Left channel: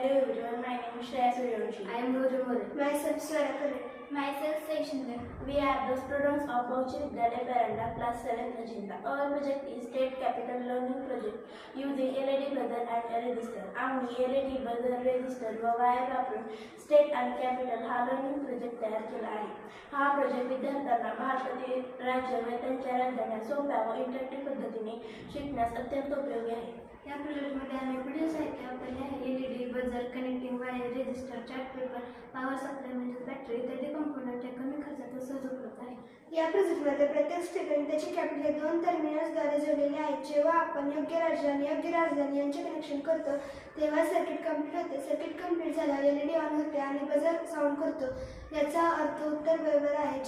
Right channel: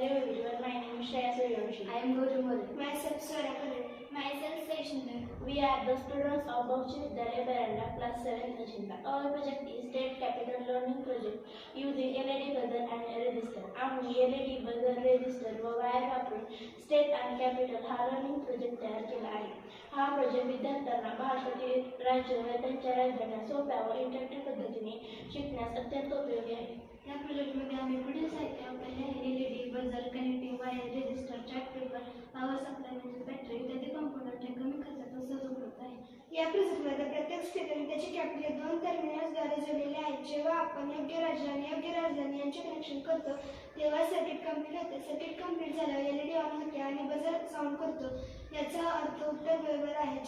Hello everyone, my name is Shreya Suryavanshi. I am Guru Mode. Myself Swara Kare. Myself Saishindra. We are the students of Bauchi Vidyalaya Paranda, class 7 Ajinta. Our project is State Capital Learning Project using LED buzzer and register. आम्ही LED buzzer, register व wire वापरून state आणि capital हा learning project तयार केला आहे. हा project विद्यार्थ्यांना भारतातील राज्य व त्यांच्या राजधान्या सोप्या व इंटरॅक्टिव्ह पद्धतीने शिकण्यास अत्यंत उपयोगी आहे. या प्रोजेक्टमध्ये आम्ही पुढील साहित्य वापरले आहे: LED buzzer, connecting wire, resistor, chart paper, power supply म्हणजे बॅटरी इत्यादी कॉम्पोनंट हे कमी खर्चात व सहज उपलब्ध आहे. या प्रोजेक्टमध्ये प्रत्येक स्टेट आणि त्याचे कॅपिटल 2 टर्मिनल्सद्वारे जोडलेले आहेत. जेव्हा आपण योग्य राज्य आणि योग्य राजधानी यांचे कनेक्शन करतो तेव्हा सर्किट कंप्लीट होते. सर्किट कंप्लीट झाल्यावर LED ऑन होते आणि बझर साऊंड करतो. याचा अर्थ उत्तर बरोबर आहे.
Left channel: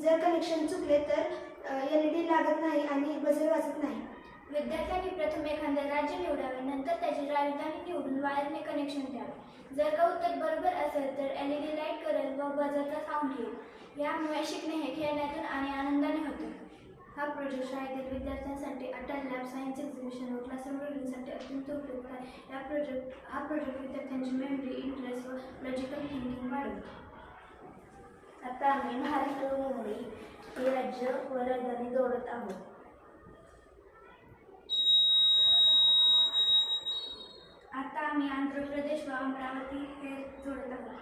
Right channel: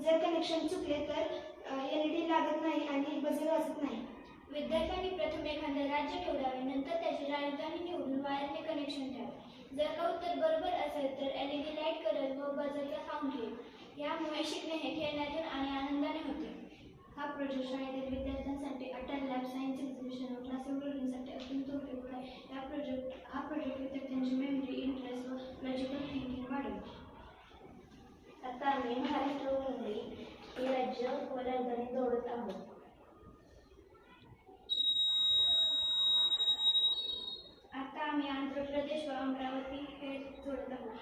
जर कनेक्शन चुकले तर LED लागत नाही आणि बझर वाजत नाही. विद्यार्थ्यांनी प्रथम एखादे राज्य निवडावे, नंतर त्याची राजधानी निवडून वायरने कनेक्शन ठेवावे. जर का उत्तर बरोबर असेल तर LED लाईट करेल व बझरचा साऊंड येईल. यामुळे शिकणे हे खेळण्यातून आणि आनंदाने होते. हा प्रोजेक्ट शाळेतील विद्यार्थ्यांसाठी अटल लॅब, सायन्स एक्झिबिशन व क्लासरूम रीडिंगसाठी अत्यंत उपयुक्त आहे. हा प्रोजेक्ट विद्यार्थ्यांची मेमरी, इंटरेस्ट व लॉजिकल थिंकिंग वाढवतो. आता आम्ही महाराष्ट्र व मुंबई ही राज्य व राजधानी जोडत आहोत. आता आम्ही आंध्र प्रदेश व अमरावती हे जोडत आहोत.